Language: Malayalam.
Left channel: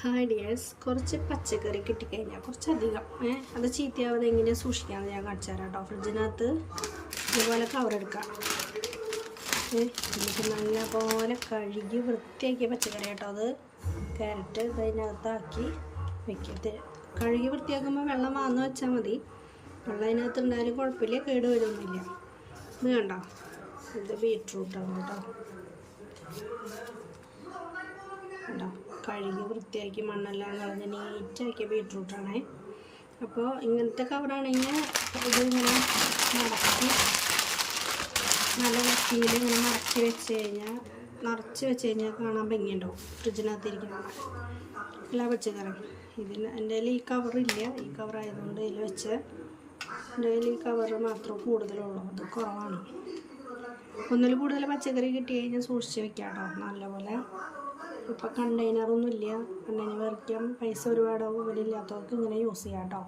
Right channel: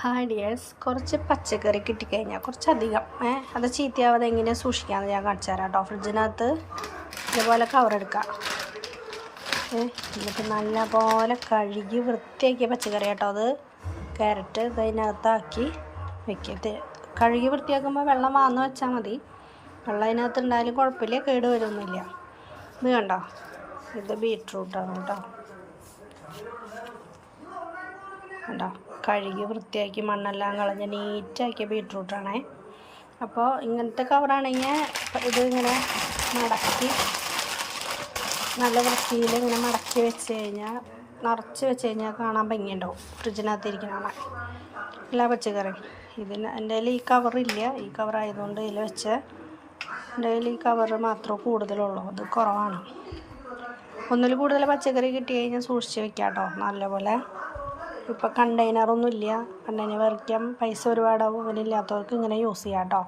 ഹായ് ഡിയേഴ്സ്, കുറച്ച് പച്ചക്കറി കിട്ടിക്കഴിഞ്ഞാൽ കുറച്ചധികം അത് ചീത്തയാവാതെ എങ്ങനെ സൂക്ഷിക്കാമെന്ന് ഞാൻ കാണിച്ചു തരാം കേട്ടോ. ഫ്രിഡ്ജിനകത്ത് ഇതുപോലെ കവറെടുക്കുക. എന്നിട്ട് നല്ല പോലെ കഴുകി വൃത്തിയാക്കിയ പച്ചക്കറി കേട്ടോ. അത് ക്യാരറ്റ് ഇതിനകത്താക്കി വെക്കുക. കഴുകി വൃത്തിയാക്കുമ്പോൾ വെള്ളം വാർന്ന് വെച്ചാൽ മതി. വെള്ളം അതിനകത്ത് ഉണ്ടായാലും കുഴപ്പമില്ല, കേട് വരുമൊന്നുമില്ല. ഇത് കണ്ടോ, ഇത് ബീട്രൂട്ടാണ് കേട്ടോ. കണ്ടോ, കഴുകി വൃത്തിയാക്കി മണ്ണെല്ലാം കളഞ്ഞ് നീറ്റാക്കിയ ബീട്രൂട്ടാണേ. അപ്പോൾ ഇങ്ങനത്തെ കവറാണെങ്കിൽ ഇത് ഇങ്ങനെ മടക്കി നല്ല വൃത്തിയിൽ ഇങ്ങനെ മടക്കി വെച്ച് കഴിഞ്ഞാൽ, നിറച്ച് വെച്ച് കഴിഞ്ഞാൽ കാണാൻ ഭംഗിയുണ്ടാവും. ഫ്രിഡ്ജിനകത്ത് ഇരിക്കണ എല്ലാ പച്ചക്കറിയും. എൻ്റെ കയ്യിൽ ഈ കവറില്ല. ഈ കവറായതുകൊണ്ട് ഇതിൽ വെച്ച് എൻ്റെ കയ്യിൽ ഈ കവറ് മാത്രമേ കൂടുതലുള്ളൂ. അത് കുറവാണ്. ഒന്നിൽ കൂടുതൽ പച്ചക്കറി കിട്ടി കഴിഞ്ഞാൽ സൂക്ഷിച്ച് വെക്കാം കേട്ടോ നല്ലപോലെ. ഇപ്പോൾ കണ്ടെയ്നറൊന്നും ഇല്ല, കണ്ടെയ്നർ വരയ്ക്കാൻ പൈസ ഒരുപാടാവും. ഇല്ലാത്തവർക്ക് ഇങ്ങനെ യൂസ് ചെയ്യാം കേട്ടോ.